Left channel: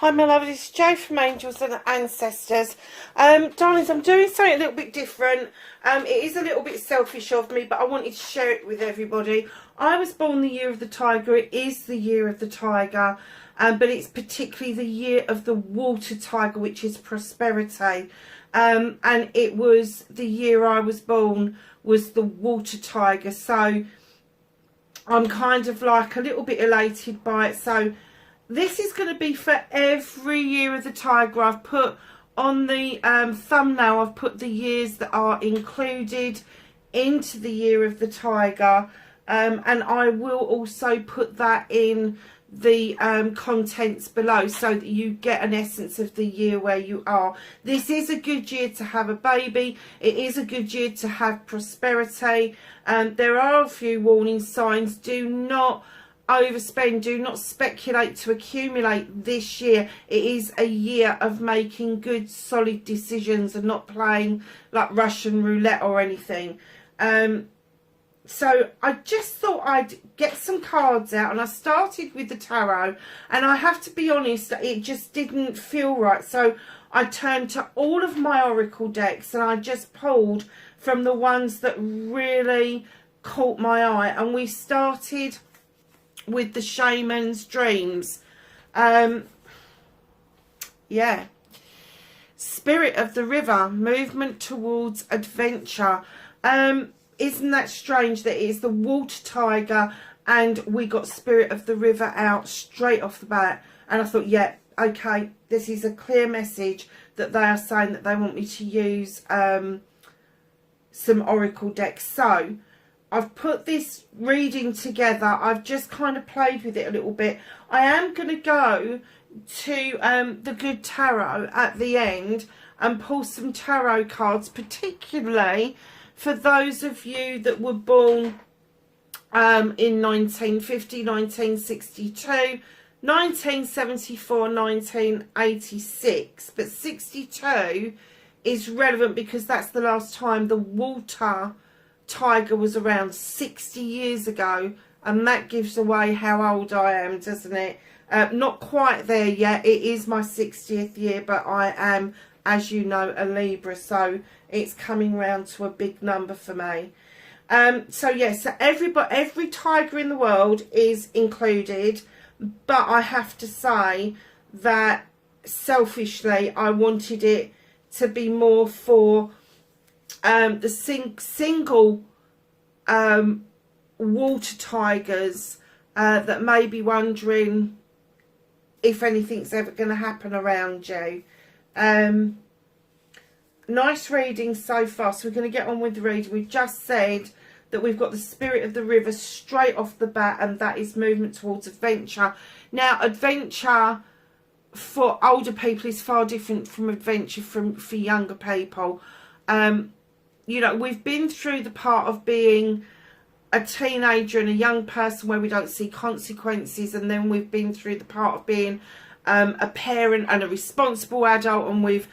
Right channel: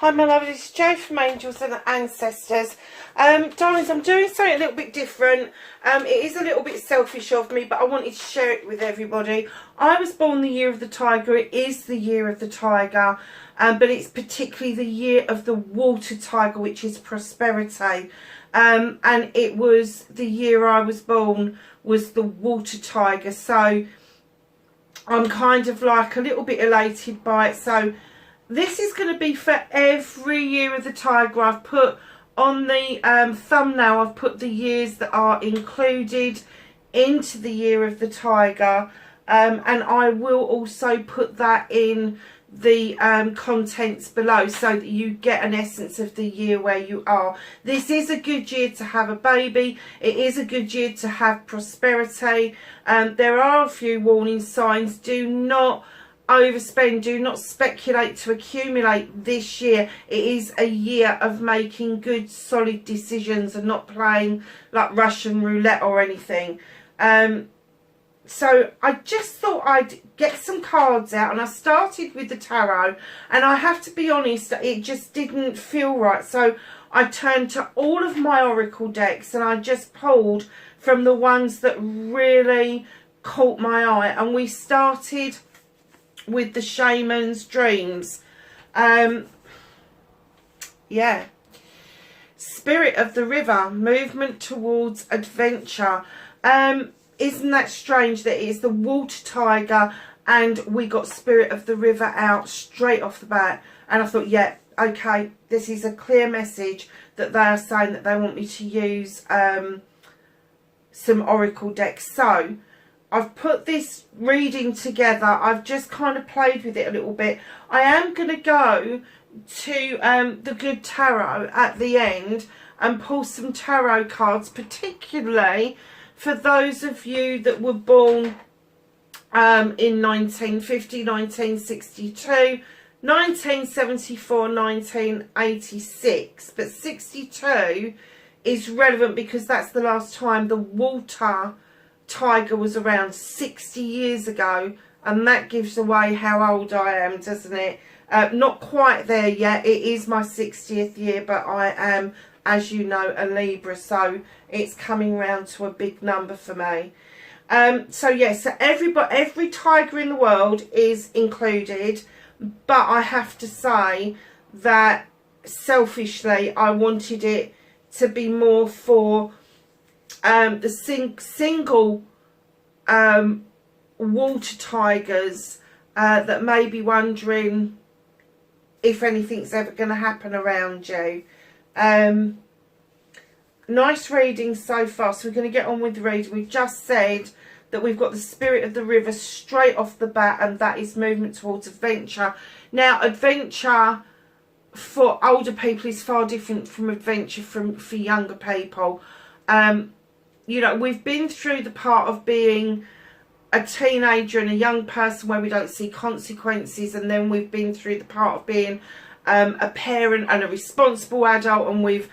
Hi my love, this is Jo from Angels and Ancestors. Darlings, I'm doing something a little bit different. It is a little bit selfish of me, but I wanted to share it with everybody. I was born the year of the tiger. It is the year of the tiger, but it's particularly the year of the water tiger, which is prosperity. And it was the year I was born was the water tiger. So I'm kind of like a little bit elated by it. So this is going to be for every year of the tiger. I've put on the thumbnail, I've put the years that are included into the year of the tiger. And I will also put that in the contents below so that you get an essence of the year where you are. This is a good year to have a baby. It is a good year to have prosperity. There are a few warning signs. Do not overspend, do not speculate to accumulate this year. It is a year of making good solid decisions and not playing like Russian roulette or anything. So I just thought I'd get some cards out, and I started with the tarot, and I have to be honest, it just didn't feel right. So I turned to all of my oracle decks and I just pulled from the ones that really caught my eye, and we started with the shaman's dreams. Yeah, spirit of the river, movement towards adventure. Isn't that strange that it's the water tiger and we got spirit of the river out straight off the bat? And I thought, yeah, okay, this is a clear message that they are saying that they want me to use some oracle decks. So I've put this reading together. I've just kind of played with it a little bit. I am going to go to the Good Tarot at the end and pull some tarot cards, particularly for those of you that were born in 1950, 1962, 1974, 1986. But 62 is relevant because that's the last time the water tiger was around, 60 years ago, and that gives away how old I am, doesn't it? Not quite there yet. It is my 60th year, but I am, as you know, a Libra, so it's coming round to a big number for me. So yes, so every tiger in the world is included, but I have to say that selfishly I wanted it to be more for the single water tigers that may be wondering if anything's ever going to happen around you. Nice reading so far, so we're going to get on with the reading. We've just said that we've got the spirit of the river straight off the bat, and that is movement towards adventure. Now, adventure for older people is far different from adventure for younger people. You know, we've been through the part of being a teenager and a young person where we don't see consequences, and then we've been through the part of being a parent and a responsible adult, and we've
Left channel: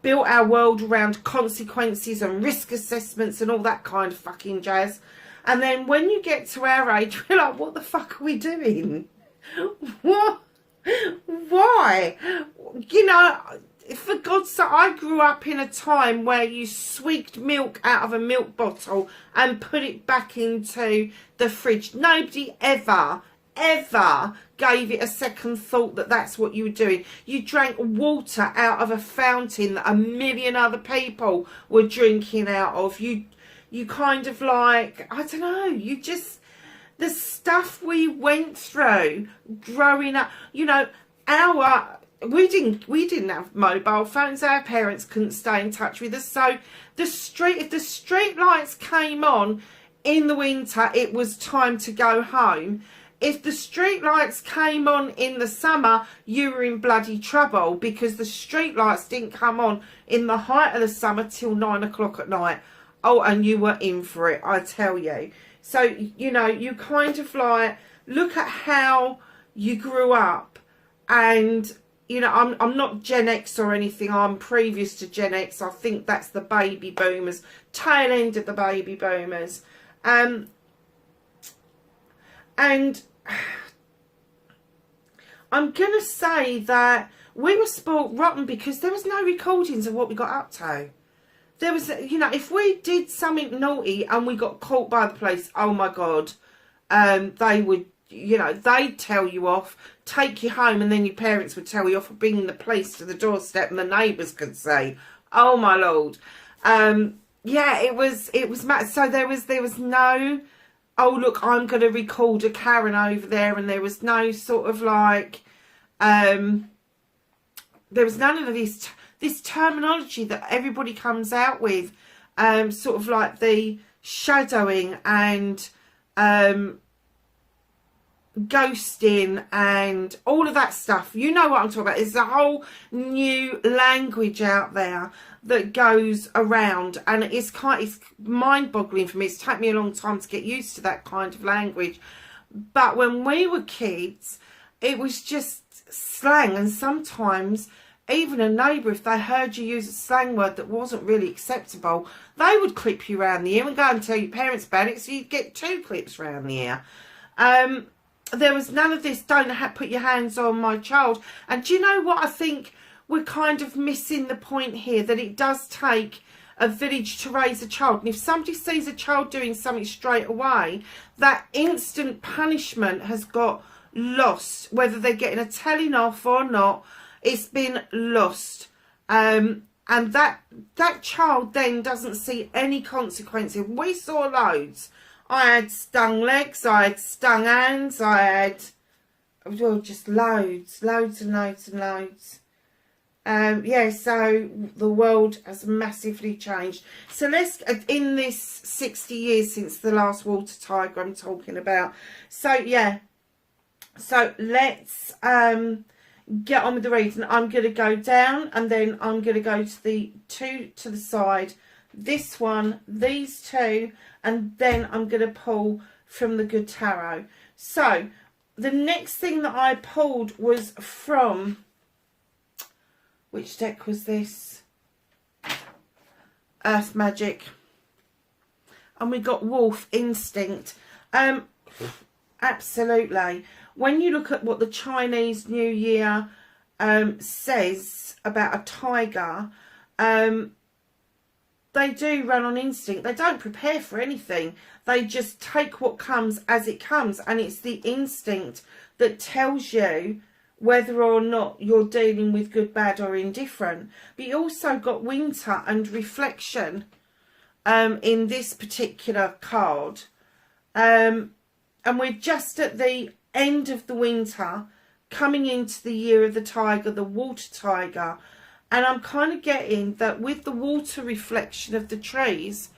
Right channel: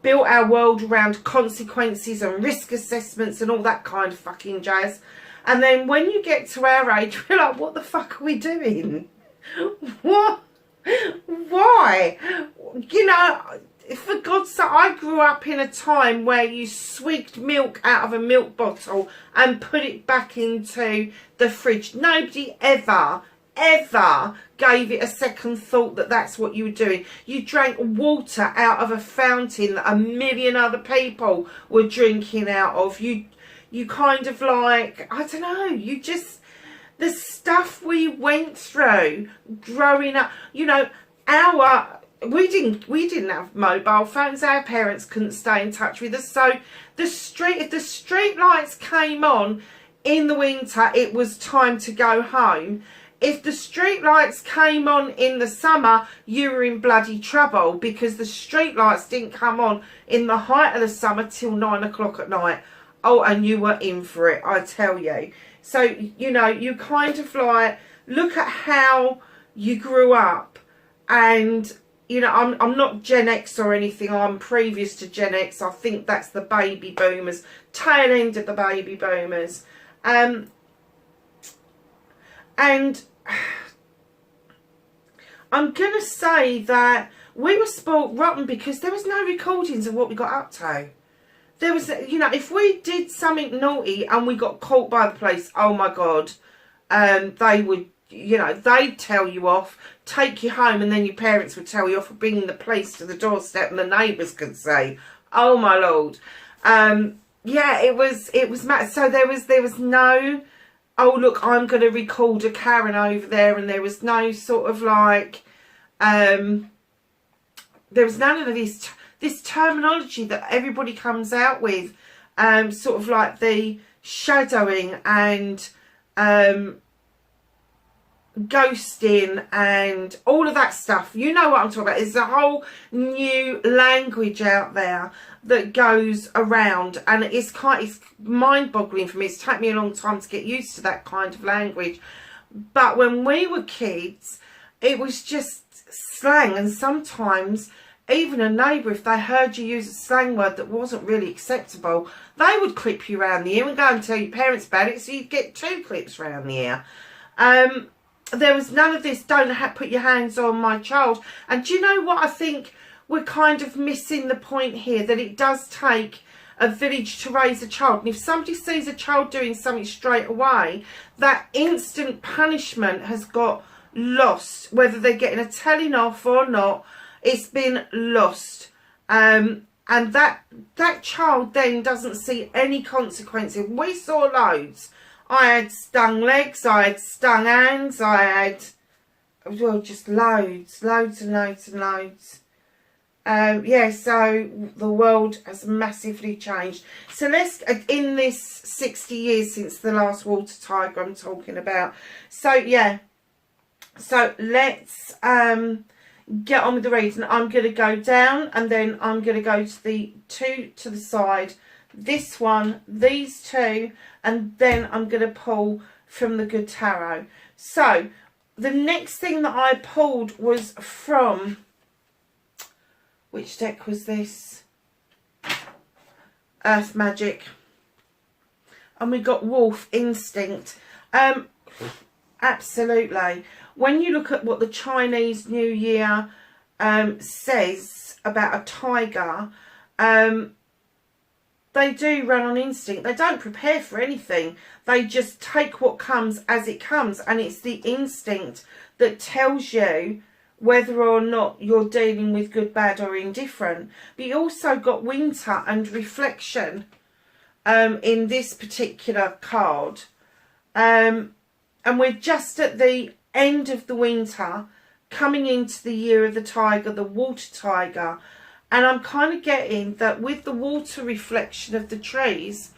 built our world around consequences and risk assessments and all that kind of fucking jazz. And then when you get to our age, we're like, what the fuck are we doing? What? Why? You know, for God's sake, I grew up in a time where you swigged milk out of a milk bottle and put it back into the fridge. Nobody ever gave it a second thought that that's what you were doing. You drank water out of a fountain that a million other people were drinking out of. You kind of like, I don't know, you just, the stuff we went through growing up, you know, we didn't have mobile phones. Our parents couldn't stay in touch with us. So if the street lights came on in the winter, it was time to go home. If the street lights came on in the summer, you were in bloody trouble, because the street lights didn't come on in the height of the summer till 9 o'clock at night. Oh, and you were in for it, I tell you. So, you know, you kind of like look at how you grew up. And, you know, I'm not Gen X or anything. I'm previous to Gen X. I think that's the baby boomers, tail end of the baby boomers. And I'm going to say that we were spoilt rotten because there was no recordings of what we got up to. There was, you know, if we did something naughty and we got caught by the police, oh my God, they would, you know, they'd tell you off, take you home, and then your parents would tell you off for bringing the police to the doorstep, and the neighbours could say, oh my Lord. Yeah, it was mad. So there was no, oh look, I'm going to record a Karen over there, and there was no sort of like, there was none of this terminology that everybody comes out with, sort of like the shadowing and ghosting and all of that stuff. You know what I'm talking about. There's a whole new language out there that goes around, and it's mind-boggling for me. It's taken me a long time to get used to that kind of language. But when we were kids, it was just slang, and sometimes even a neighbour, if they heard you use a slang word that wasn't really acceptable, they would clip you around the ear and go and tell your parents about it, so you'd get 2 clips around the ear. There was none of this, don't put your hands on my child. And do you know what I think we're kind of missing the point here? That it does take a village to raise a child. And if somebody sees a child doing something straight away, that instant punishment has got lost. Whether they're getting a telling off or not, it's been lost. And that child then doesn't see any consequences. We saw loads. I had stung legs, I had stung hands, I had, well, just loads and loads. Yeah, so the world has massively changed. So let's, in this 60 years since the last water tiger I'm talking about. So yeah, so let's get on with the reading. I'm going to go down, and then I'm going to go to the 2 to the side, this one, these 2, and then I'm going to pull from the Good Tarot. So the next thing that I pulled was from, which deck was this? Earth Magic. And we got Wolf Instinct. Absolutely. When you look at what the Chinese New Year says about a tiger, they do run on instinct. They don't prepare for anything. They just take what comes as it comes. And it's the instinct that tells you whether or not you're dealing with good, bad or indifferent. But you also got winter and reflection in this particular card. And we're just at the end of the winter, coming into the year of the tiger, the water tiger. And I'm kind of getting that with the water reflection of the trees,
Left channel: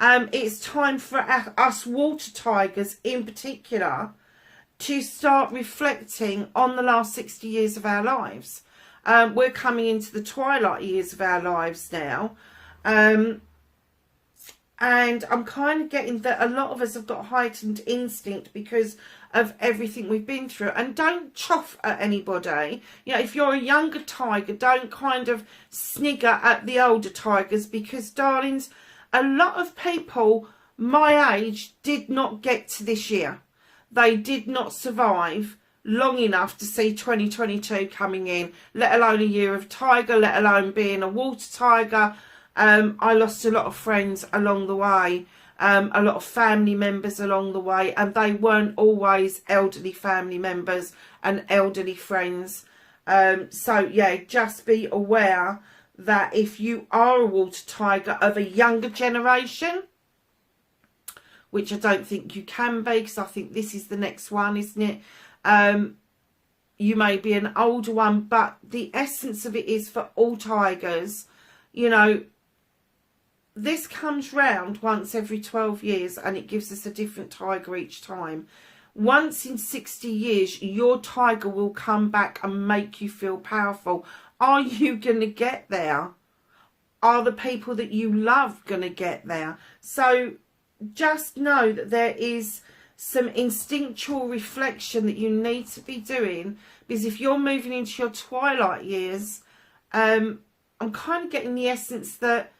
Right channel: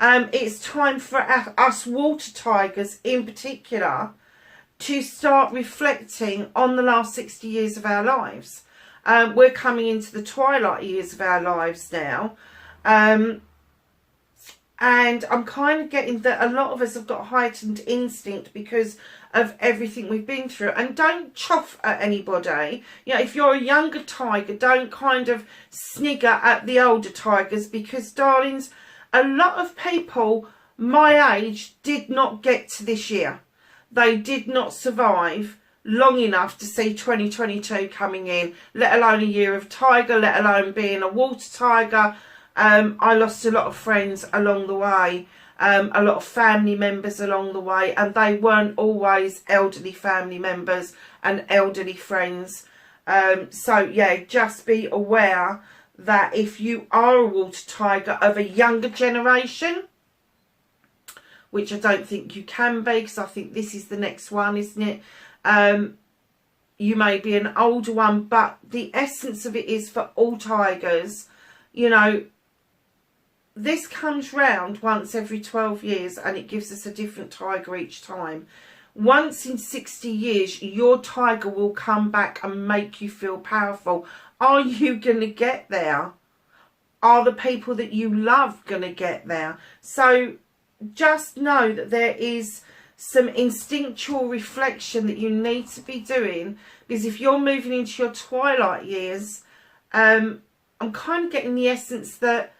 it's time for us water tigers in particular to start reflecting on the last 60 years of our lives. We're coming into the twilight years of our lives now. And I'm kind of getting that a lot of us have got heightened instinct because of everything we've been through. And don't chuff at anybody. You know, if you're a younger tiger, don't kind of snigger at the older tigers, because, darlings, a lot of people my age did not get to this year. They did not survive long enough to see 2022 coming in, let alone a year of tiger, let alone being a water tiger. I lost a lot of friends along the way, a lot of family members along the way, and they weren't always elderly family members and elderly friends. So yeah, just be aware that if you are a water tiger of a younger generation, which I don't think you can be, because I think this is the next one, isn't it? You may be an older one, but the essence of it is for all tigers, you know, this comes round once every 12 years and it gives us a different tiger each time. Once in 60 years, your tiger will come back and make you feel powerful. Are you going to get there? Are the people that you love going to get there? So just know that there is some instinctual reflection that you need to be doing, because if you're moving into your twilight years, I'm kind of getting the essence that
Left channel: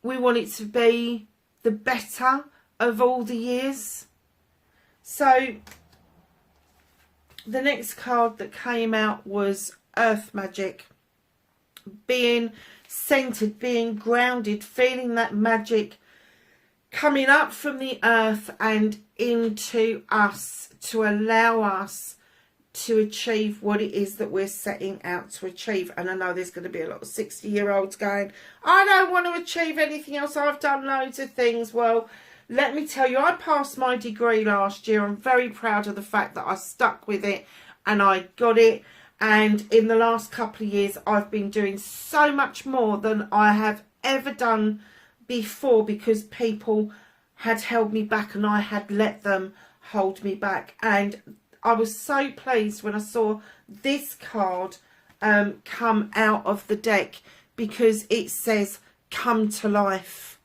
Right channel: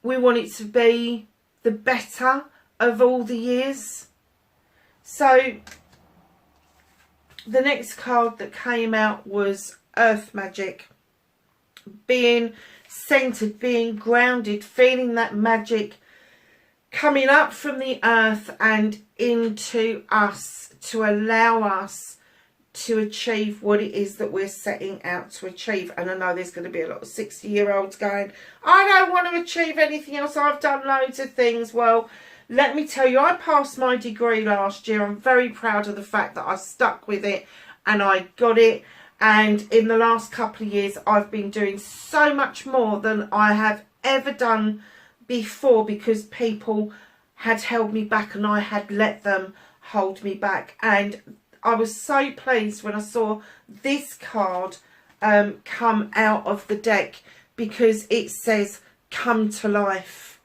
we want it to be the better of all the years. So The next card that came out was Earth Magic. Being centered, being grounded, feeling that magic coming up from the earth and into us to allow us to achieve what it is that we're setting out to achieve. And I know there's going to be a lot of 60-year-olds going, I don't want to achieve anything else, I've done loads of things. Well, let me tell you, I passed my degree last year. I'm very proud of the fact that I stuck with it and I got it. And in the last couple of years, I've been doing so much more than I have ever done before, because people had held me back and I had let them hold me back. And I was so pleased when I saw this card come out of the deck, because it says come to life.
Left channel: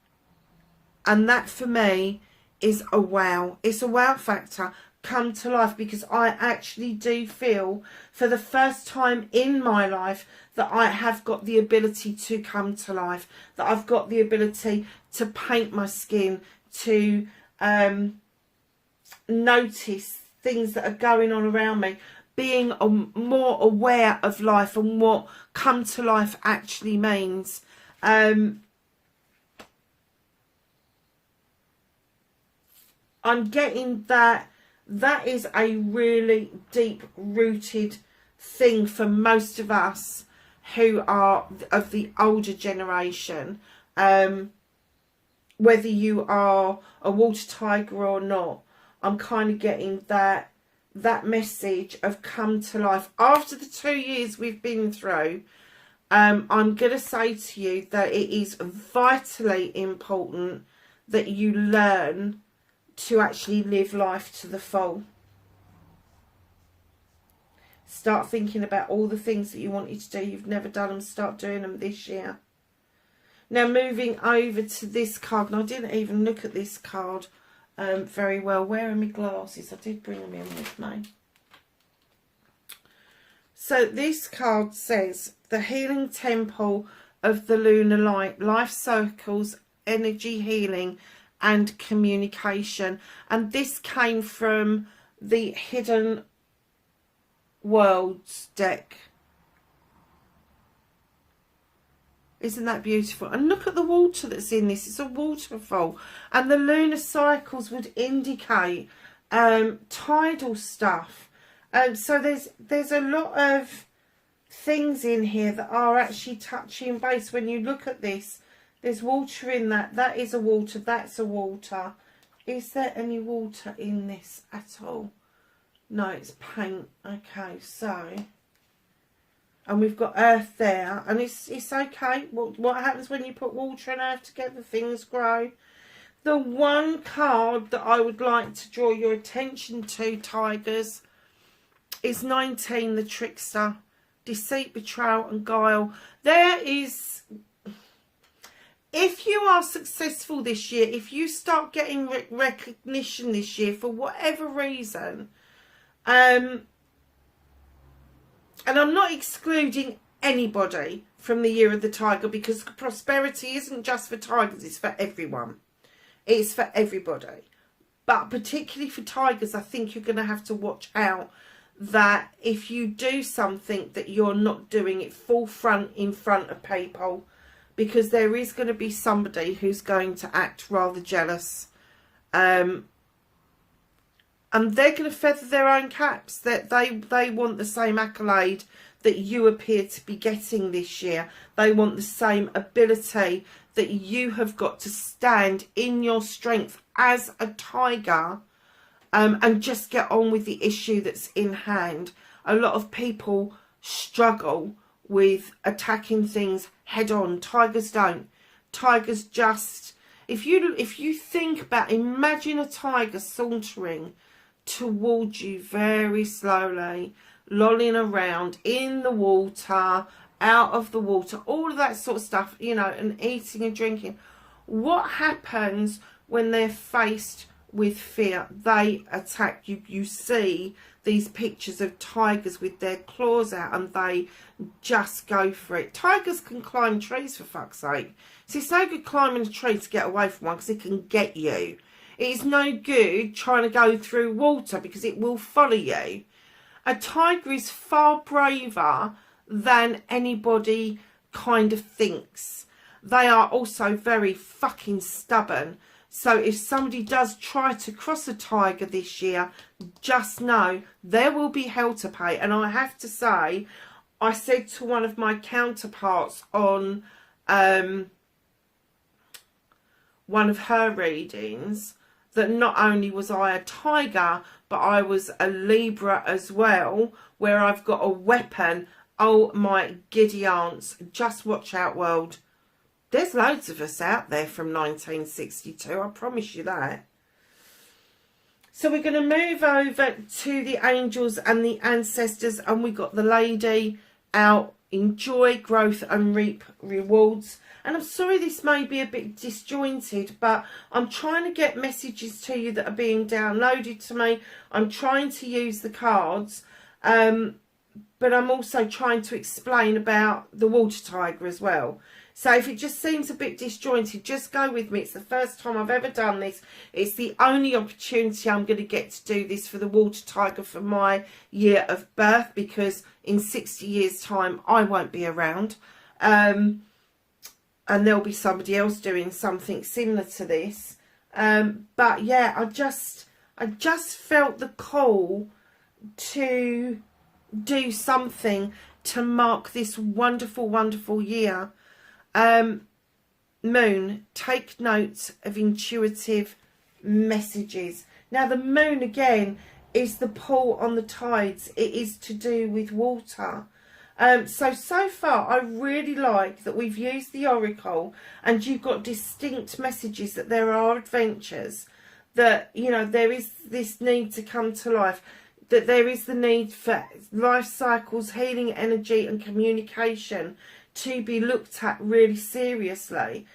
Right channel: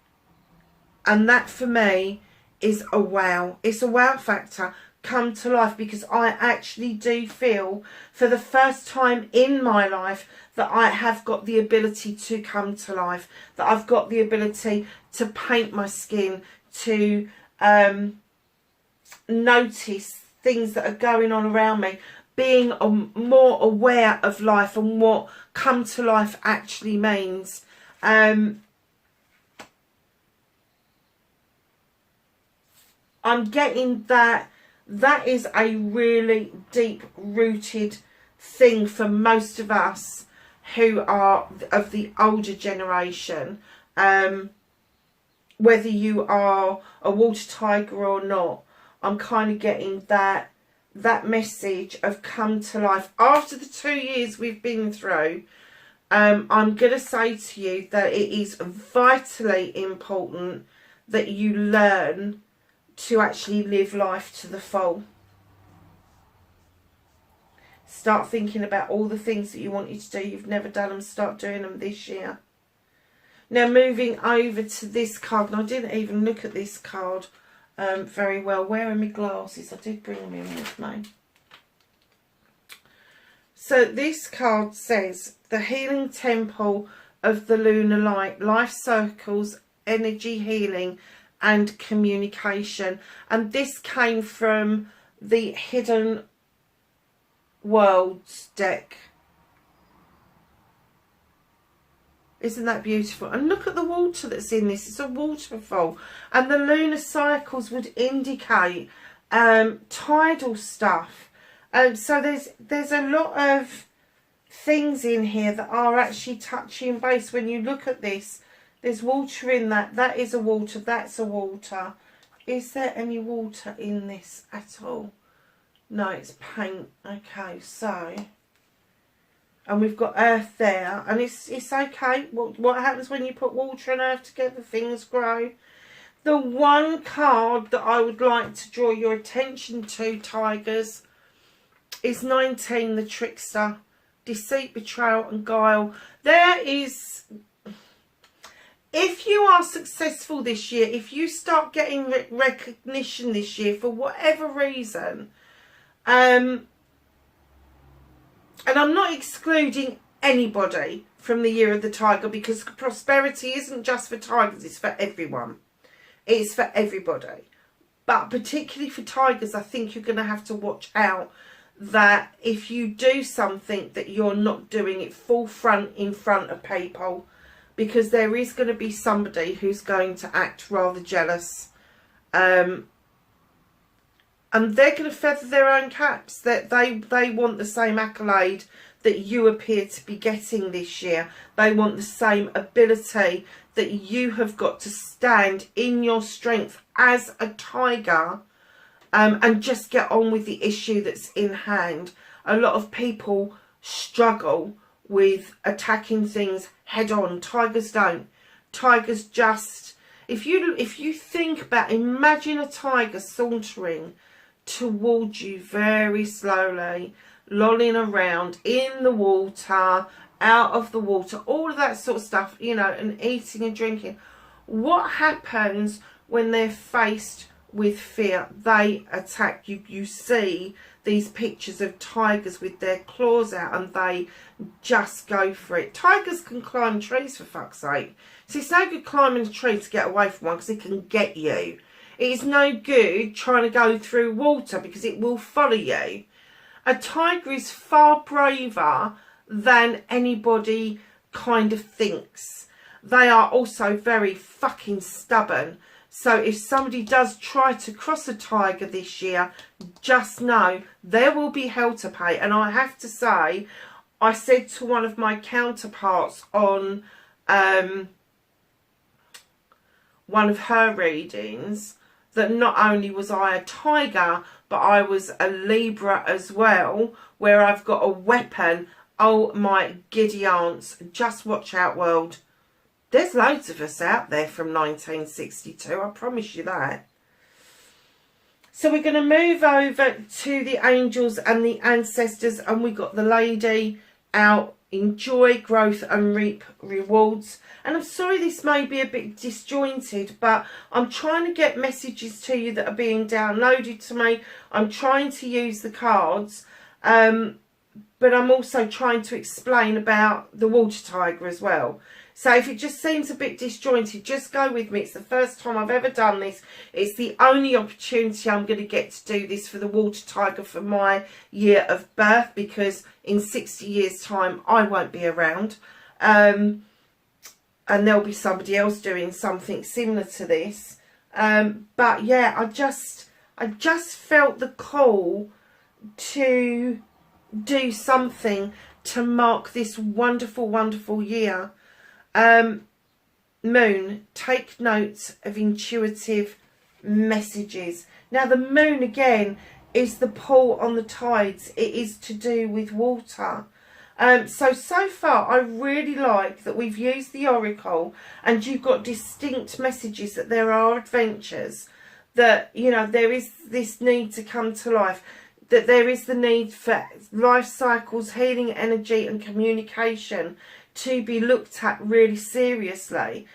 And that for me is a wow. It's a wow factor. Come to life, because I actually do feel for the first time in my life that I have got the ability to come to life, that I've got the ability to paint my skin, to notice things that are going on around me, being more aware of life and what come to life actually means. I'm getting that is a really deep rooted thing for most of us who are of the older generation, whether you are a water tiger or not. I'm kind of getting that message of come to life. After the 2 years we've been through, I'm going to say to you that it is vitally important that you learn to actually live life to the full. Start thinking about all the things that you wanted to do, you've never done them, start doing them this year. Now moving over to this card, and I didn't even look at this card very well. Where are my glasses? I did bring them in with me. So this card says the Healing Temple of the Lunar Light, life circles, energy healing and communication. And this came from the Hidden Worlds deck. Isn't that beautiful? And look at the water that's in this. It's a waterfall. And the lunar cycles would indicate tidal stuff. So there's a lot of things in here that are actually touching base. When you look at this, there's water in that. That is a water. That's a water. Is there any water in this at all? No, it's paint. Okay, so... and we've got earth there. And it's okay. What happens when you put water and earth together? Things grow. The one card that I would like to draw your attention to, Tigers, is 19, the Trickster. Deceit, betrayal and guile. There is... if you are successful this year, if you start getting recognition this year for whatever reason, and I'm not excluding anybody from the year of the tiger, because prosperity isn't just for tigers, it's for everyone. It's for everybody. But particularly for tigers, I think you're going to have to watch out that if you do something that you're not doing it full front in front of people, because there is going to be somebody who's going to act rather jealous. And they're going to feather their own caps, that they want the same accolade that you appear to be getting this year. They want the same ability that you have got to stand in your strength as a tiger, and just get on with the issue that's in hand. A lot of people struggle with attacking things head on. Tigers don't. Tigers just... if you think about, imagine a tiger sauntering towards you very slowly, lolling around in the water, out of the water, all of that sort of stuff, you know, and eating and drinking. What happens when they're faced with fear? They attack. You see these pictures of tigers with their claws out, and they just go for it. Tigers can climb trees, for fuck's sake. So it's no good climbing a tree to get away from one, because it can get you. It is no good trying to go through water, because it will follow you. A tiger is far braver than anybody kind of thinks. They are also very fucking stubborn. So if somebody does try to cross a tiger this year, just know there will be hell to pay. And I have to say, I said to one of my counterparts on one of her readings that not only was I a tiger, but I was a Libra as well, where I've got a weapon. Oh my giddy aunts, just watch out, world. There's loads of us out there from 1962, I promise you that. So we're going to move over to the angels and the ancestors, and we got the lady out, enjoy growth and reap rewards. And I'm sorry this may be a bit disjointed, but I'm trying to get messages to you that are being downloaded to me. I'm trying to use the cards, but I'm also trying to explain about the water tiger as well. So if it just seems a bit disjointed, just go with me. It's the first time I've ever done this. It's the only opportunity I'm going to get to do this for the water tiger for my year of birth, because in 60 years' time, I won't be around. And there'll be somebody else doing something similar to this. But yeah, I just felt the call to do something to mark this wonderful, wonderful year. Moon, take note of intuitive messages. Now the moon again is the pull on the tides. It is to do with water. So far I really like that we've used the oracle and you've got distinct messages that there are adventures, that, you know, there is this need to come to life, that there is the need for life cycles, healing energy and communication to be looked at really seriously,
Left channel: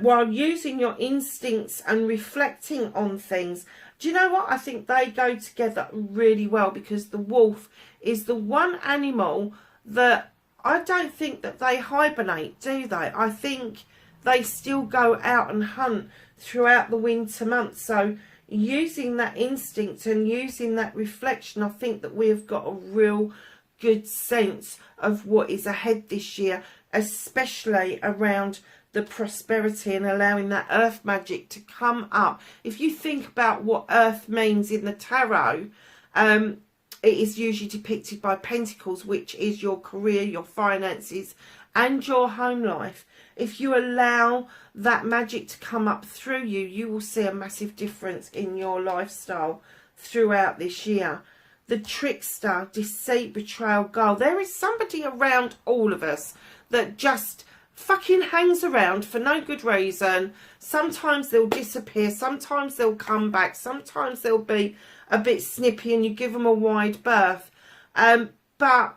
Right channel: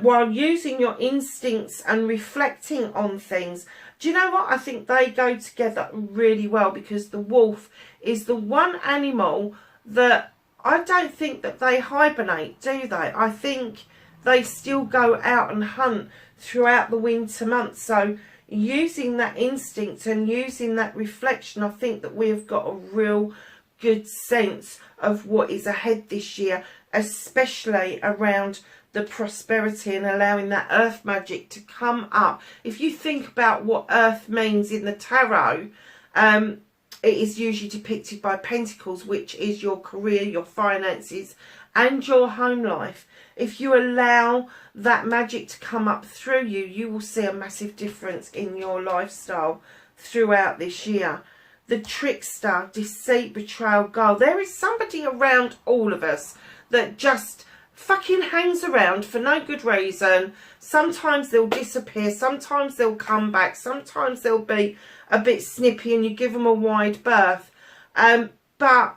while using your instincts and reflecting on things. Do you know what? I think they go together really well, because the wolf is the one animal that I don't think that they hibernate, do they? I think they still go out and hunt throughout the winter months. So using that instinct and using that reflection, I think that we have got a real good sense of what is ahead this year, especially around the prosperity and allowing that earth magic to come up. If you think about what earth means in the tarot, it is usually depicted by pentacles, which is your career, your finances and your home life. If you allow that magic to come up through you, you will see a massive difference in your lifestyle throughout this year. The trickster, deceit, betrayal, guile. There is somebody around all of us that just fucking hangs around for no good reason. Sometimes they'll disappear, sometimes they'll come back, sometimes they'll be a bit snippy and you give them a wide berth. But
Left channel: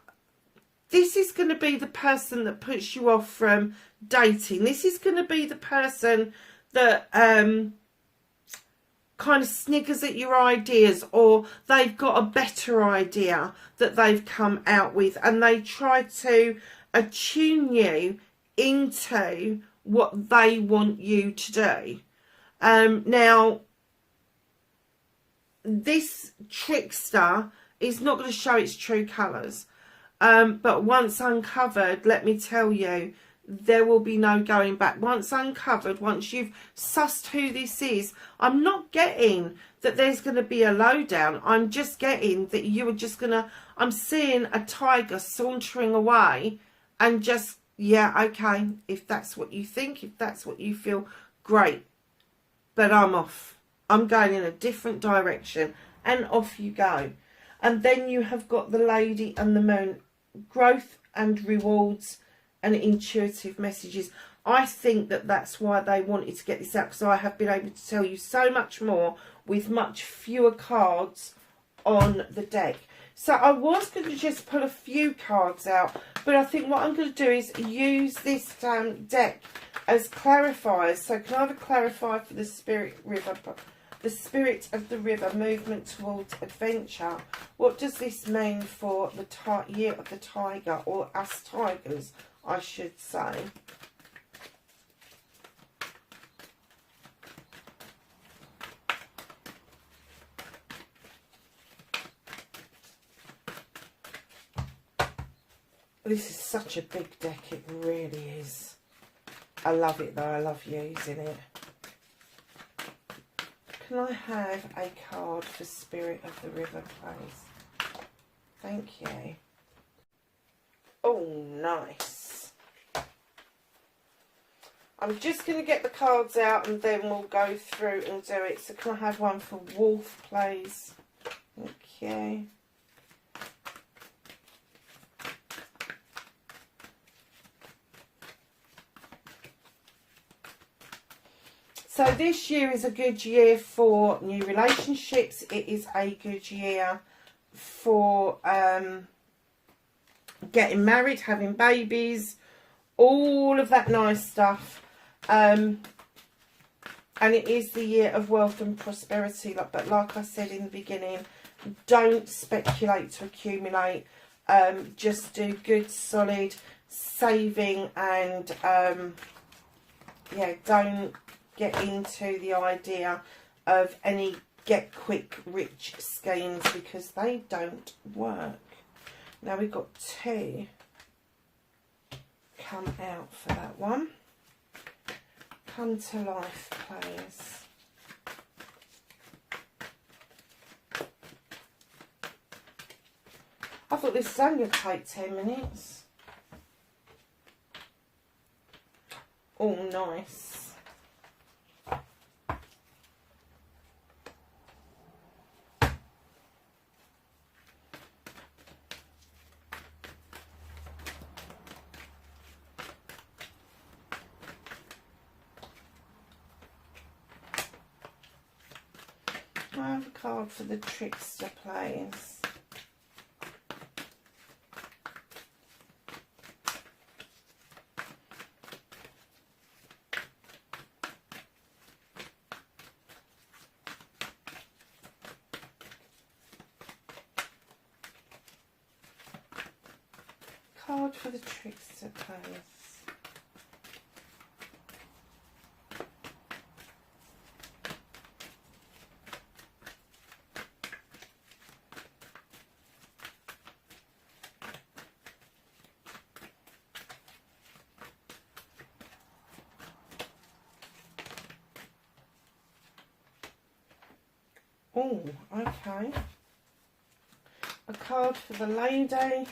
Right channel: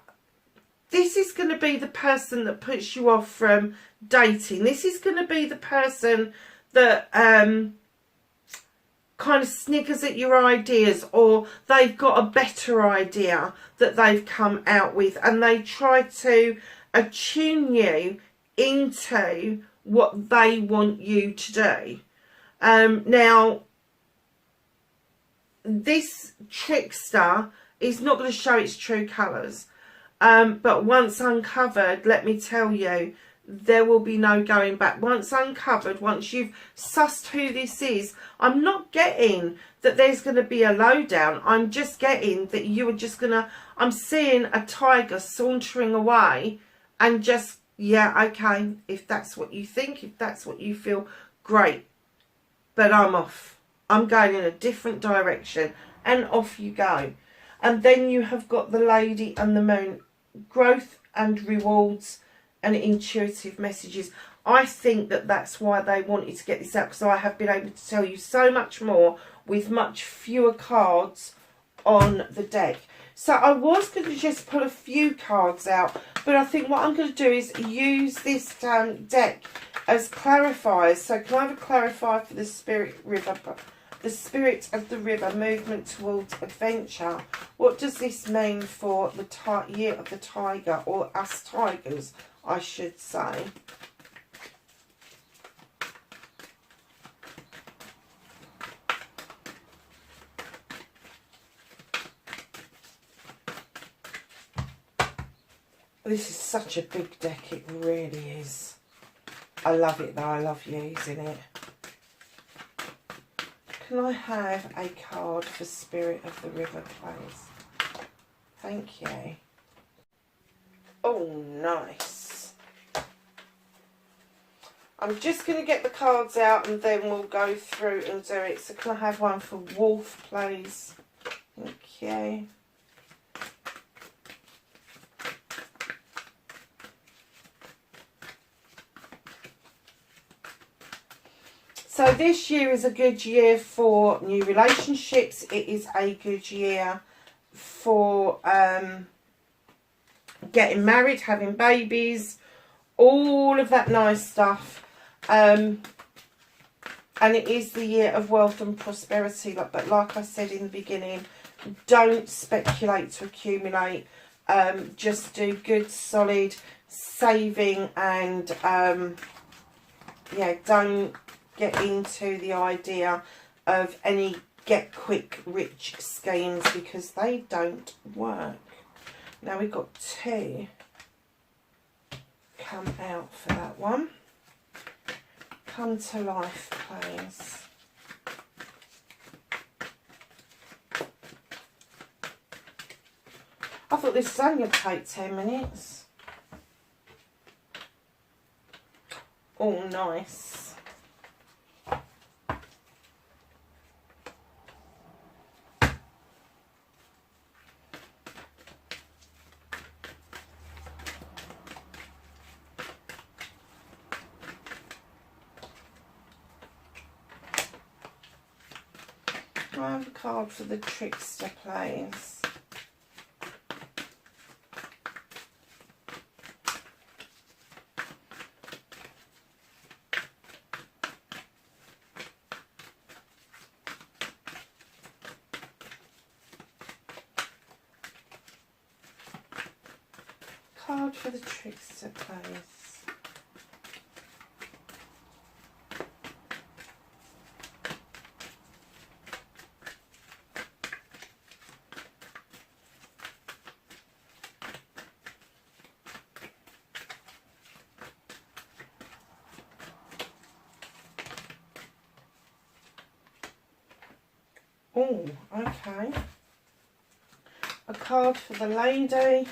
this is going to be the person that puts you off from dating. This is going to be the person that kind of sniggers at your ideas, or they've got a better idea that they've come out with, and they try to attune you into what they want you to do. Now, this trickster is not going to show its true colours, but once uncovered, let me tell you, there will be no going back. Once uncovered, once you've sussed who this is, I'm not getting that there's going to be a lowdown. I'm just getting that you are just going to, I'm seeing a tiger sauntering away and just, yeah, okay, if that's what you think, if that's what you feel, great. But I'm off. I'm going in a different direction, and off you go. And then you have got the lady and the moon, growth and rewards and intuitive messages. I think that that's why they wanted to get this out, because I have been able to tell you so much more with much fewer cards on the deck. So I was going to just pull a few cards out, but I think what I'm going to do is use this deck as clarifiers. So can I have a clarifier for the spirit river? The spirit of the river, movement towards adventure. What does this mean for the year of the tiger, or us tigers, I should say? This is such a big deck, it really is. I love it though, I love using it. Can I have a card for Spirit of the River, please? Thank you. Oh, nice. I'm just going to get the cards out and then we'll go through and do it. So can I have one for Wolf, please? Thank you. So this year is a good year for new relationships. It is a good year for getting married, having babies, all of that nice stuff. And it is the year of wealth and prosperity. But like I said in the beginning, don't speculate to accumulate. Just do good, solid saving and, yeah, don't get into the idea of any get quick rich schemes because they don't work. Now we've got 2 come out for that one. Come to life, please. I thought this was only going to take 10 minutes. Oh, nice. I have a card for the Trickster, please. Card for the Trickster, please. Oh, okay. A card for the lady.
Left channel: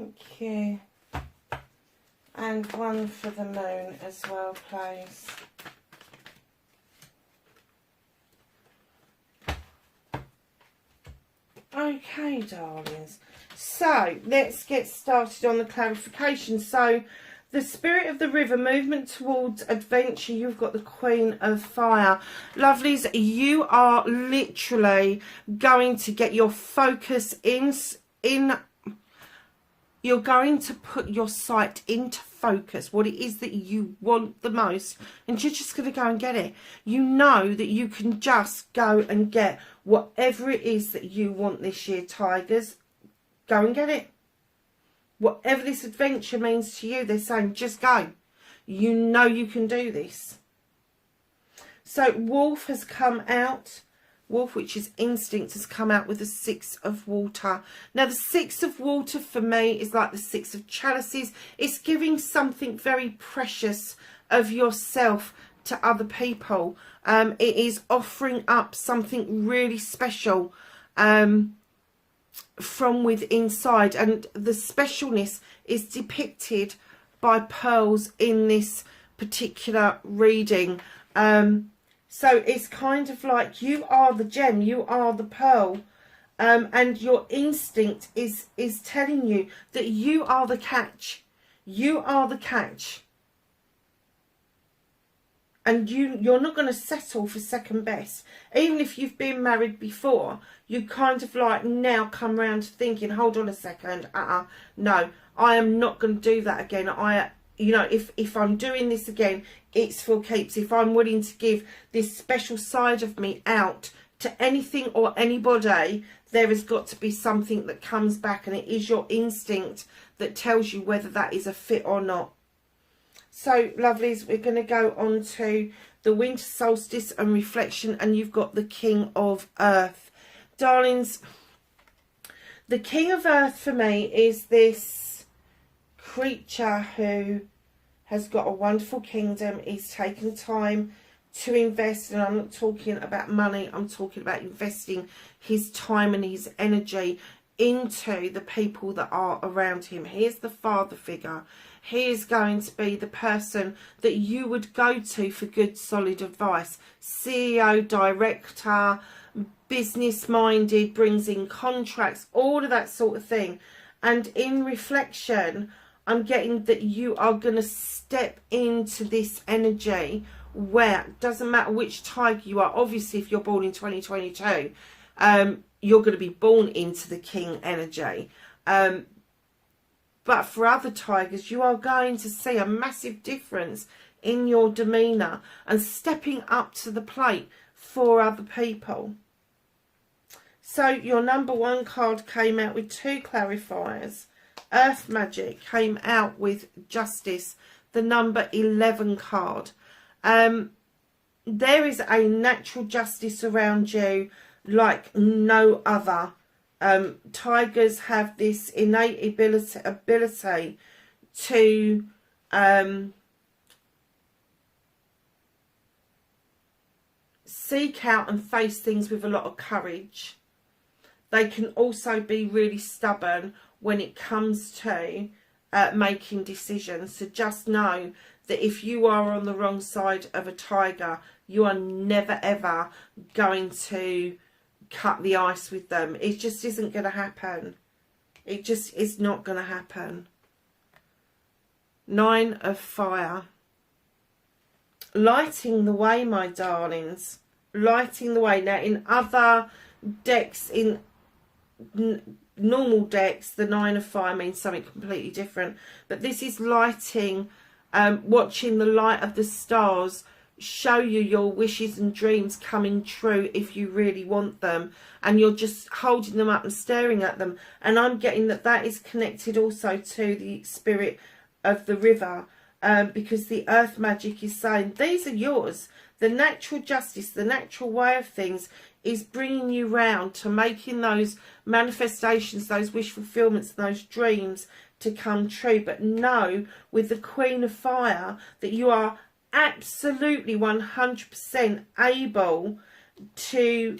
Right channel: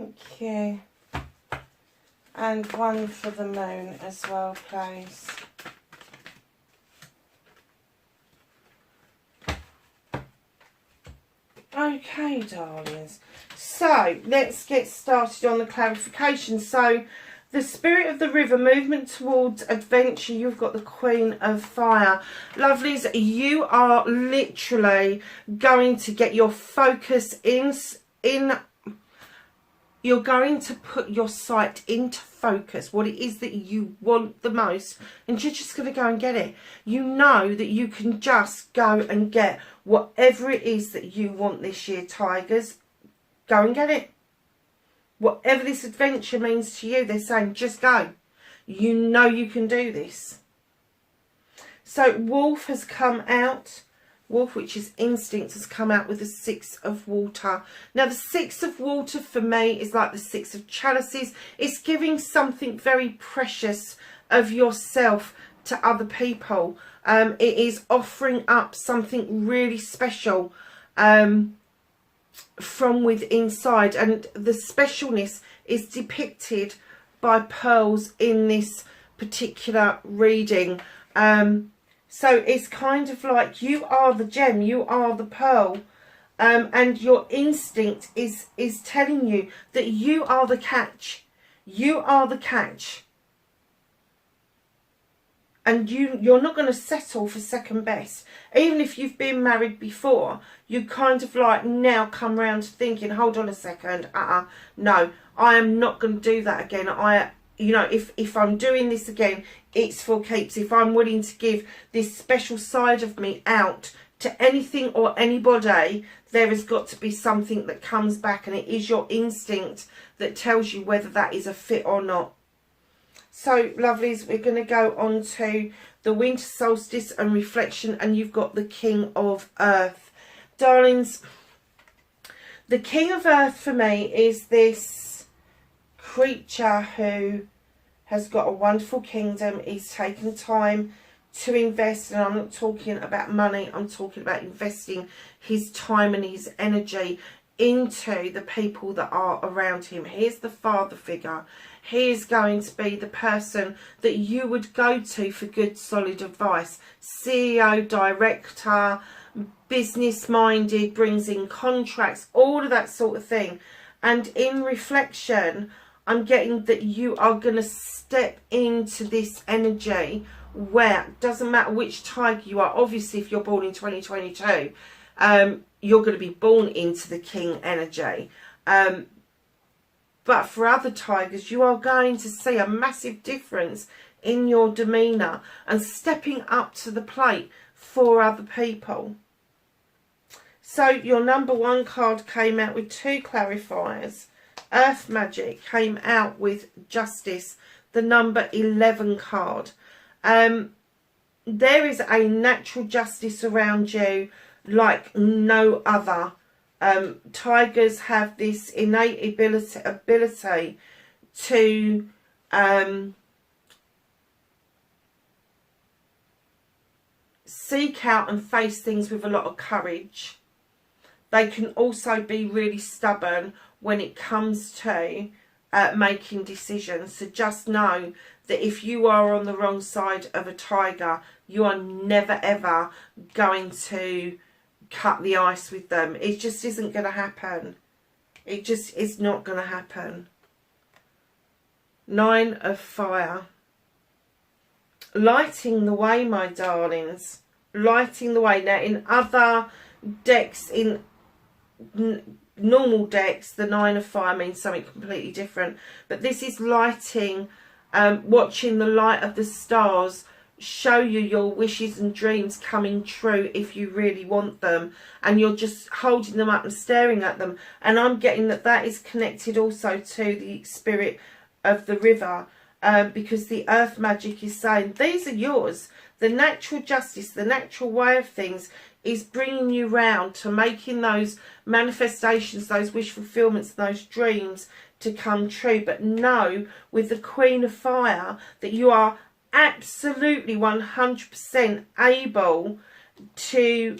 Okay. And one for the moon as well, please. Okay, darlings. So, let's get started on the clarification. So, the Spirit of the River, movement towards adventure. You've got the Queen of Fire. Lovelies, you are literally going to get your focus in. You're going to put your sight into focus, what it is that you want the most, and you're just going to go and get it. You know that you can just go and get whatever it is that you want this year, Tigers. Go and get it. Whatever this adventure means to you, they're saying just go. You know you can do this. So Wolf has come out. Wolf, which is instinct, has come out with the 6 of water. Now, the 6 of water for me is like the 6 of chalices. It's giving something very precious of yourself to other people. It is offering up something really special from within inside. And the specialness is depicted by pearls in this particular reading. So it's kind of like you are the gem, you are the pearl, and your instinct is telling you that you are the catch. You are the catch. And you're not going to settle for second best. Even if you've been married before, you kind of like now come around to thinking, hold on a second, no, I am not going to do that again. You know, if I'm doing this again, it's for keeps. If I'm willing to give this special side of me out to anything or anybody, there has got to be something that comes back, and it is your instinct that tells you whether that is a fit or not. So, lovelies, we're going to go on to the winter solstice and reflection, and you've got the King of Earth. Darlings, the King of Earth for me is this creature who has got a wonderful kingdom. He's taken time to invest, and I'm not talking about money, I'm talking about investing his time and his energy into the people that are around him. Here's the father figure. He is going to be the person that you would go to for good solid advice. CEO, director, business minded, brings in contracts, all of that sort of thing. And in reflection, I'm getting that you are going to step into this energy where it doesn't matter which tiger you are. Obviously, if you're born in 2022, you're going to be born into the king energy. But for other tigers, you are going to see a massive difference in your demeanour and stepping up to the plate for other people. So your number 1 card came out with 2 clarifiers. Earth Magic came out with Justice, the number 11 card. There is a natural justice around you like no other. Tigers have this innate ability to seek out and face things with a lot of courage. They can also be really stubborn when it comes to making decisions. So just know that if you are on the wrong side of a tiger, you are never ever going to cut the ice with them. It just isn't going to happen. It just is not going to happen. 9 of Fire. Lighting the way, my darlings. Lighting the way. Now, in other decks, in normal decks, the 9 of Fire means something completely different. But this is lighting, watching the light of the stars show you your wishes and dreams coming true if you really want them, and you're just holding them up and staring at them. And I'm getting that that is connected also to the spirit of the river, because the earth magic is saying these are yours. The natural justice, the natural way of things is bringing you round to making those manifestations, those wish fulfillments, those dreams to come true. But know with the Queen of Fire that you are absolutely 100% able to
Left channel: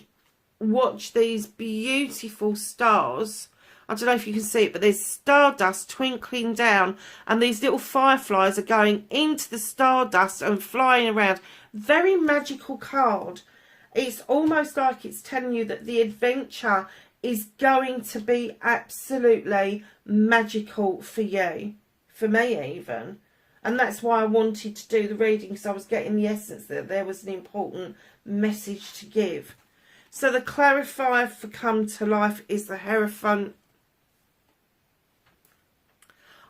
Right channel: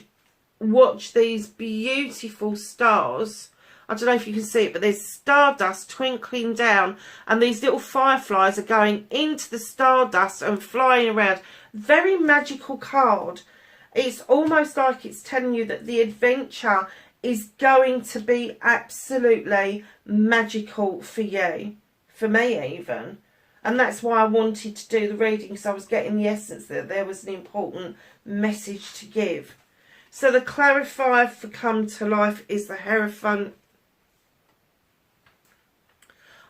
watch these beautiful stars. I don't know if you can see it, but there's stardust twinkling down, and these little fireflies are going into the stardust and flying around. Very magical card. It's almost like it's telling you that the adventure is going to be absolutely magical for you, for me even. And that's why I wanted to do the reading, because I was getting the essence that there was an important message to give. So the clarifier for Come to Life is the Hierophant.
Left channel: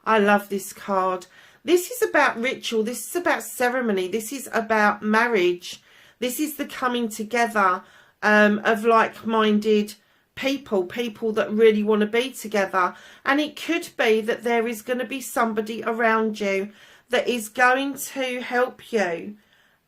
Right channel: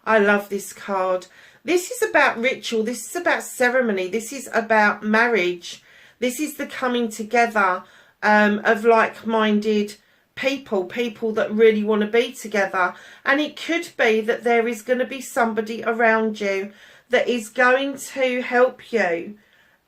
I love this card. This is about ritual. This is about ceremony. This is about marriage. This is the coming together of like-minded people, people that really want to be together. And it could be that there is going to be somebody around you that is going to help you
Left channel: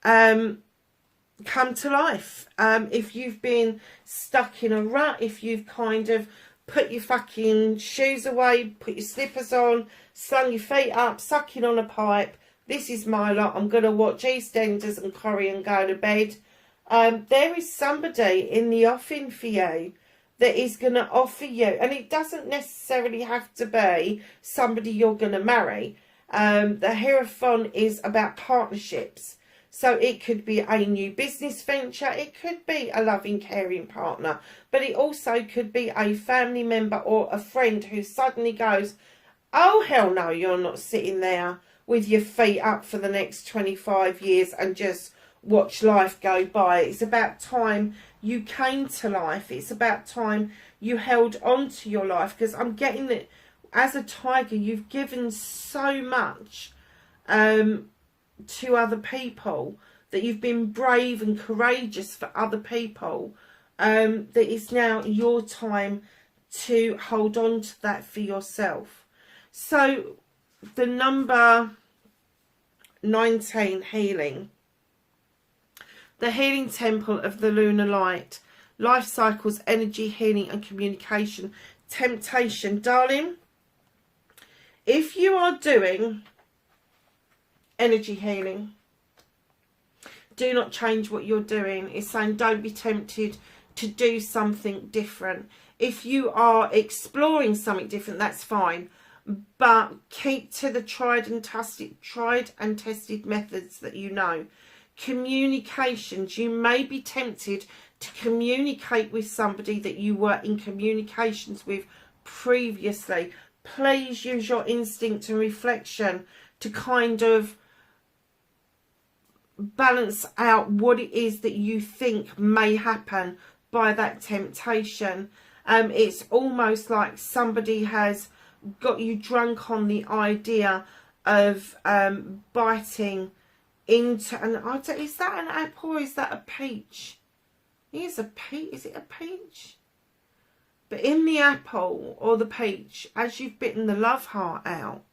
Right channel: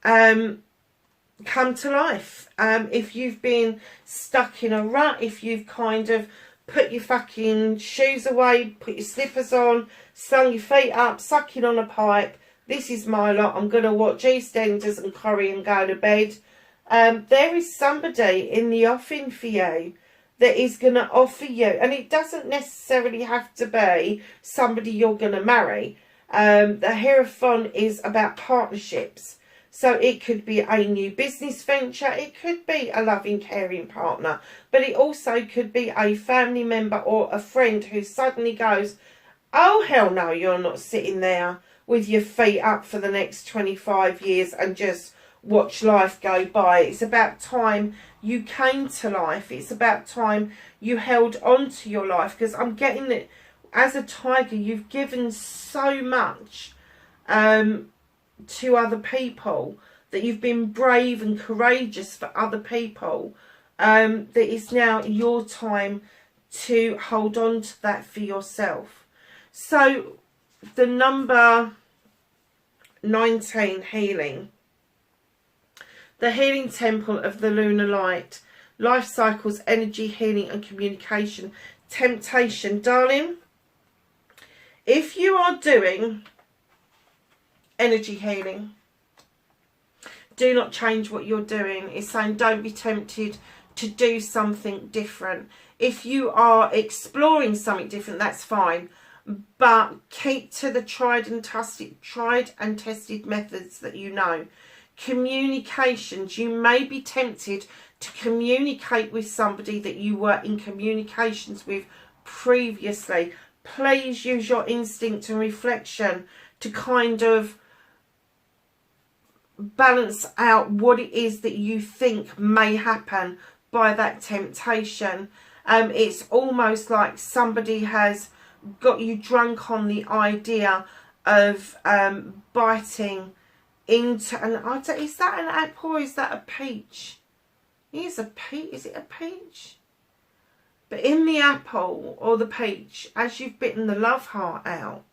come to life. If you've been stuck in a rut, if you've kind of put your fucking shoes away, put your slippers on, slung your feet up, sucking on a pipe, this is my lot. I'm going to watch EastEnders and curry and go to bed. There is somebody in the offing for you that is going to offer you, and it doesn't necessarily have to be somebody you're going to marry. The Hierophant is about partnerships. So it could be a new business venture. It could be a loving, caring partner. But it also could be a family member or a friend who suddenly goes, oh, hell no, you're not sitting there with your feet up for the next 25 years and just watch life go by. It's about time you came to life. It's about time you held on to your life. Because I'm getting that as a tiger, you've given so much to other people, that you've been brave and courageous for other people. that it's now your time to hold on to that for yourself. So the number 19, healing. The healing temple of the lunar light. Life cycles, energy, healing and communication. Temptation. Darling, if you are doing energy healing, do not change what you're doing. It's saying don't be tempted to do something different. If you are exploring something different, that's fine. But keep to the tried and tested methods that you know. Communications. You may be tempted to communicate with somebody that you were in communications with previously. Please use your instinct and reflection to kind of balance out what it is that you think may happen by that temptation. It's almost like somebody has got you drunk on the idea of biting into is that an apple or is that a peach? Is it a peach? But in the apple or the peach, as you've bitten the love heart out,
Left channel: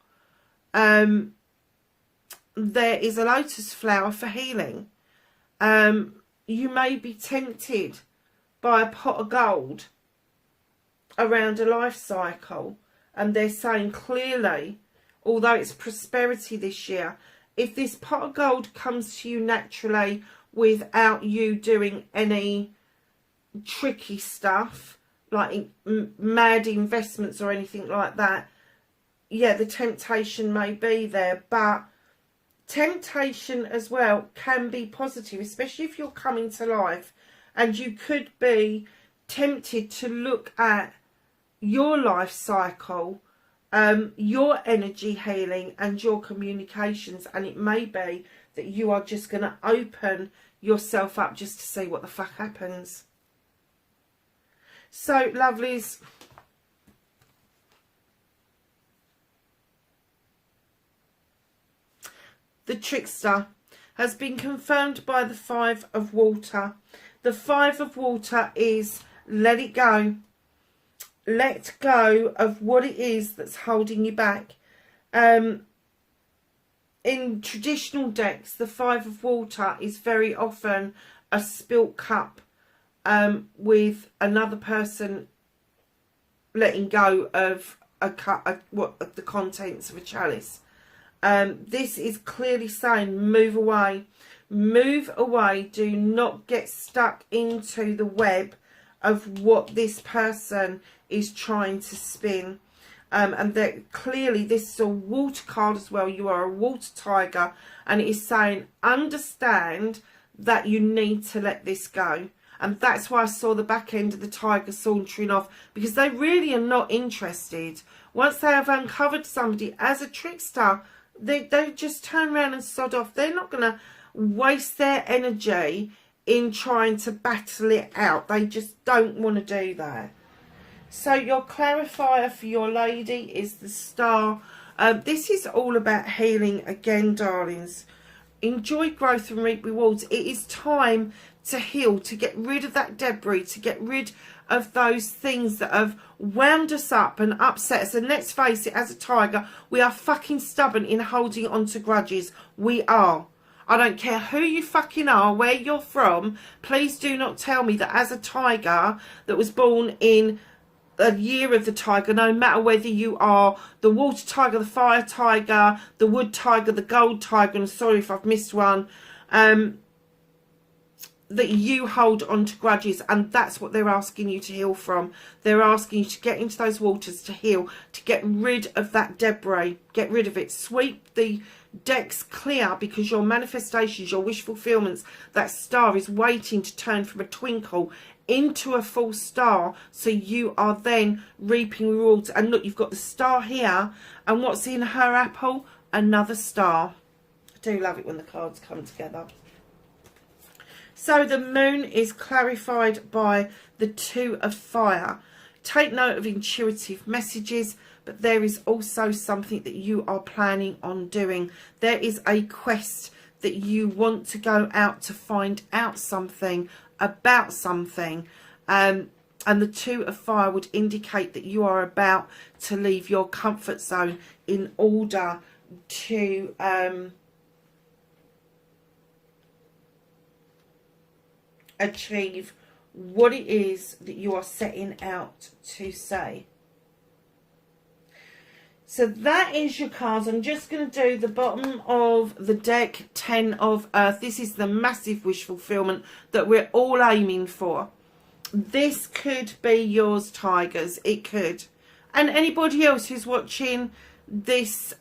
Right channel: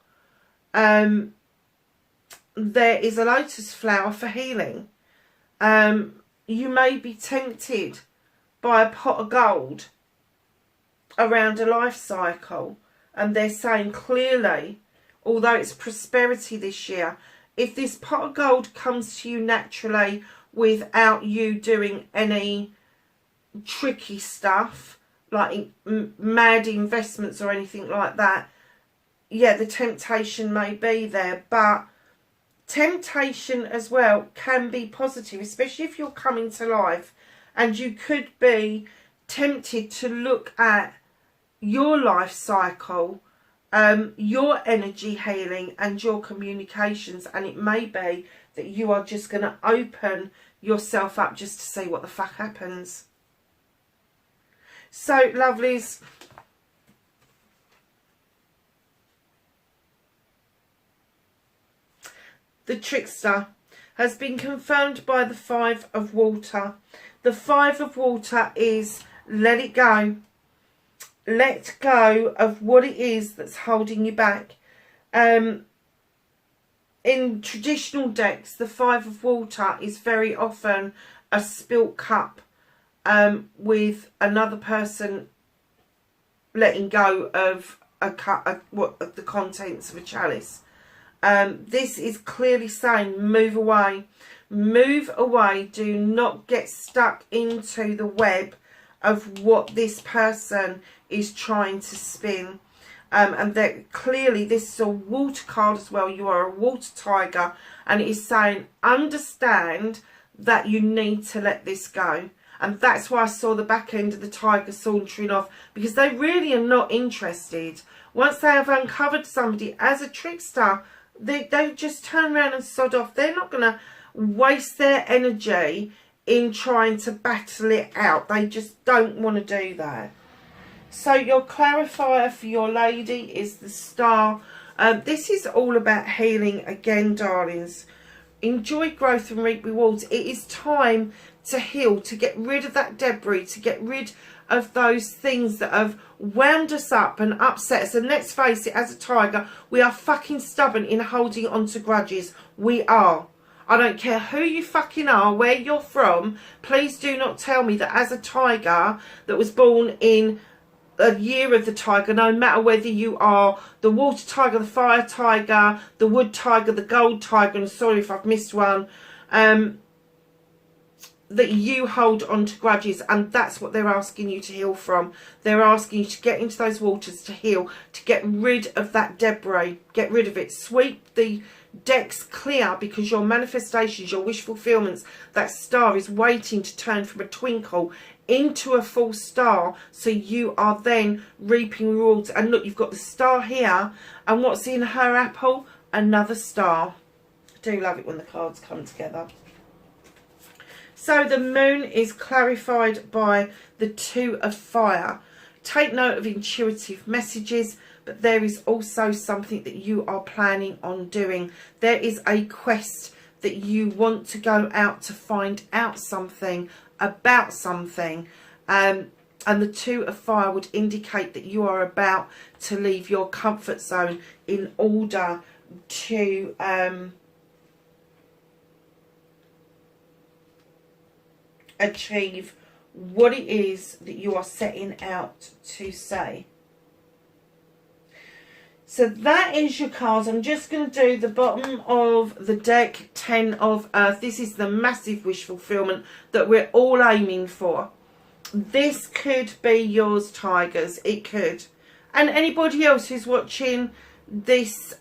there is a lotus flower for healing. You may be tempted by a pot of gold around a life cycle, and they're saying clearly, although it's prosperity this year, if this pot of gold comes to you naturally without you doing any tricky stuff like mad investments or anything like that, yeah, the temptation may be there. But temptation as well can be positive, especially if you're coming to life, and you could be tempted to look at your life cycle, your energy healing and your communications, and it may be that you are just going to open yourself up just to see what the fuck happens. So, lovelies, the trickster has been confirmed by the 5 of water. The 5 of water is let it go. Let go of what it is that's holding you back. In traditional decks, the 5 of water is very often a spilt cup, with another person letting go of the contents of a chalice. This is clearly saying move away. Move away. Do not get stuck into the web of what this person is trying to spin. And that clearly this is a water card as well. You are a water tiger, and it is saying understand that you need to let this go. And that's why I saw the back end of the tiger sauntering off, because they really are not interested. Once they have uncovered somebody as a trickster, they just turn around and sod off. They're not going to waste their energy in trying to battle it out. They just don't want to do that. So your clarifier for your lady is the star. This is all about healing again, darlings. Enjoy growth and reap rewards. It is time to heal, to get rid of that debris, to get rid of those things that have wound us up and upset us. And let's face it, as a tiger, we are fucking stubborn in holding on to grudges. We are. I don't care who you fucking are, where you're from. Please do not tell me that as a tiger that was born in a year of the tiger, no matter whether you are the water tiger, the fire tiger, the wood tiger, the gold tiger, and sorry if I've missed one, that you hold on to grudges. And that's what they're asking you to heal from. They're asking you to get into those waters to heal, to get rid of that debris, get rid of it, sweep the decks clear, because your manifestations, your wish fulfillments, that star is waiting to turn from a twinkle into a full star, so you are then reaping rewards. And look, you've got the star here, and what's in her apple? Another star. I do love it when the cards come together. So the moon is clarified by the 2 of fire. Take note of intuitive messages, but there is also something that you are planning on doing. There is a quest that you want to go out to find out something about something. And the Two of Fire would indicate that you are about to leave your comfort zone in order to achieve what it is that you are setting out to say. So that is your cards. I'm just going to do the bottom of the deck, 10 of Earth. This is the massive wish fulfillment that we're all aiming for. This could be yours, Tigers. It could. And anybody else who's watching this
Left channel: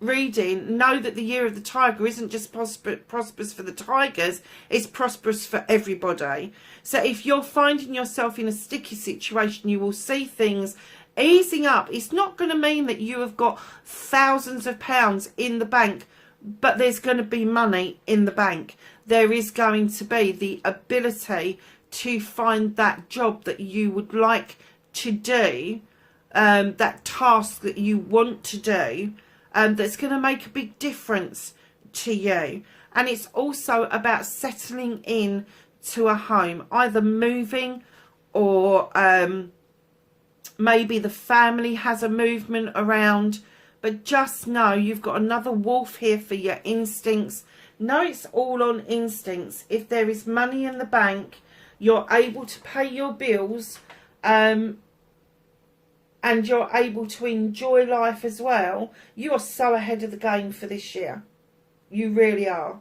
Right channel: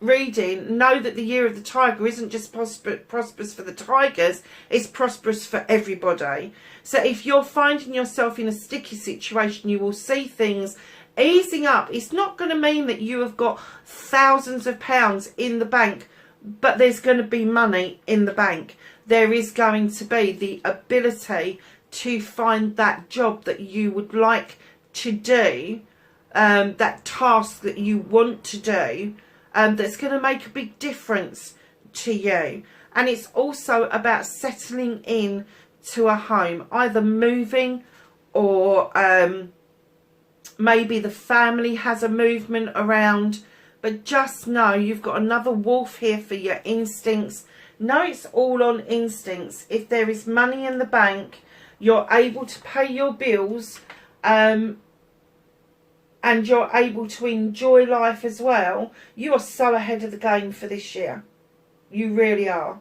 reading, know that the year of the Tiger isn't just prosperous for the Tigers, it's prosperous for everybody. So if you're finding yourself in a sticky situation, you will see things easing up. It's not going to mean that you have got thousands of pounds in the bank, but there's going to be money in the bank. There is going to be the ability to find that job that you would like to do, that task that you want to do, that's going to make a big difference to you. And it's also about settling in to a home, either moving or maybe the family has a movement around. But just know you've got another wolf here for your instincts. Know it's all on instincts. If there is money in the bank, you're able to pay your bills, and you're able to enjoy life as well. You are so ahead of the game for this year. You really are.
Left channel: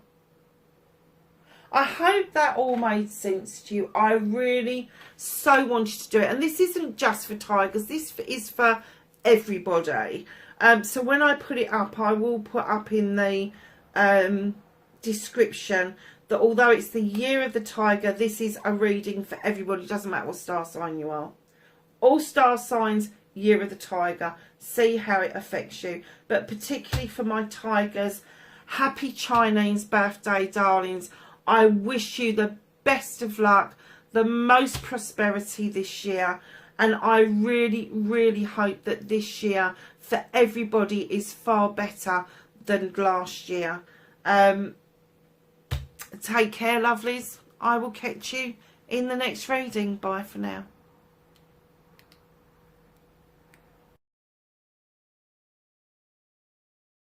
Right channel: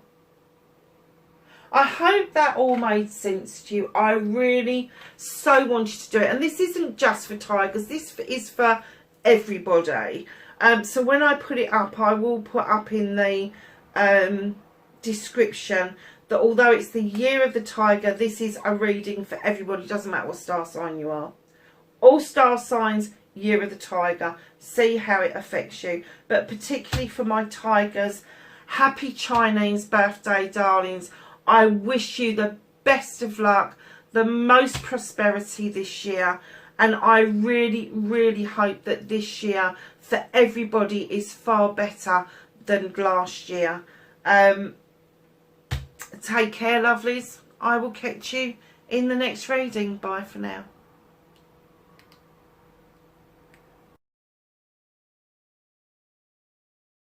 I hope that all made sense to you. I really so wanted to do it. And this isn't just for Tigers. This is for everybody. So when I put it up, I will put up in the description that although it's the year of the Tiger, this is a reading for everybody. It doesn't matter what star sign you are. All star signs, year of the Tiger. See how it affects you. But particularly for my Tigers, happy Chinese birthday, darlings. I wish you the best of luck, the most prosperity this year. And I really, really hope that this year for everybody is far better than last year. Take care, lovelies. I will catch you in the next reading. Bye for now.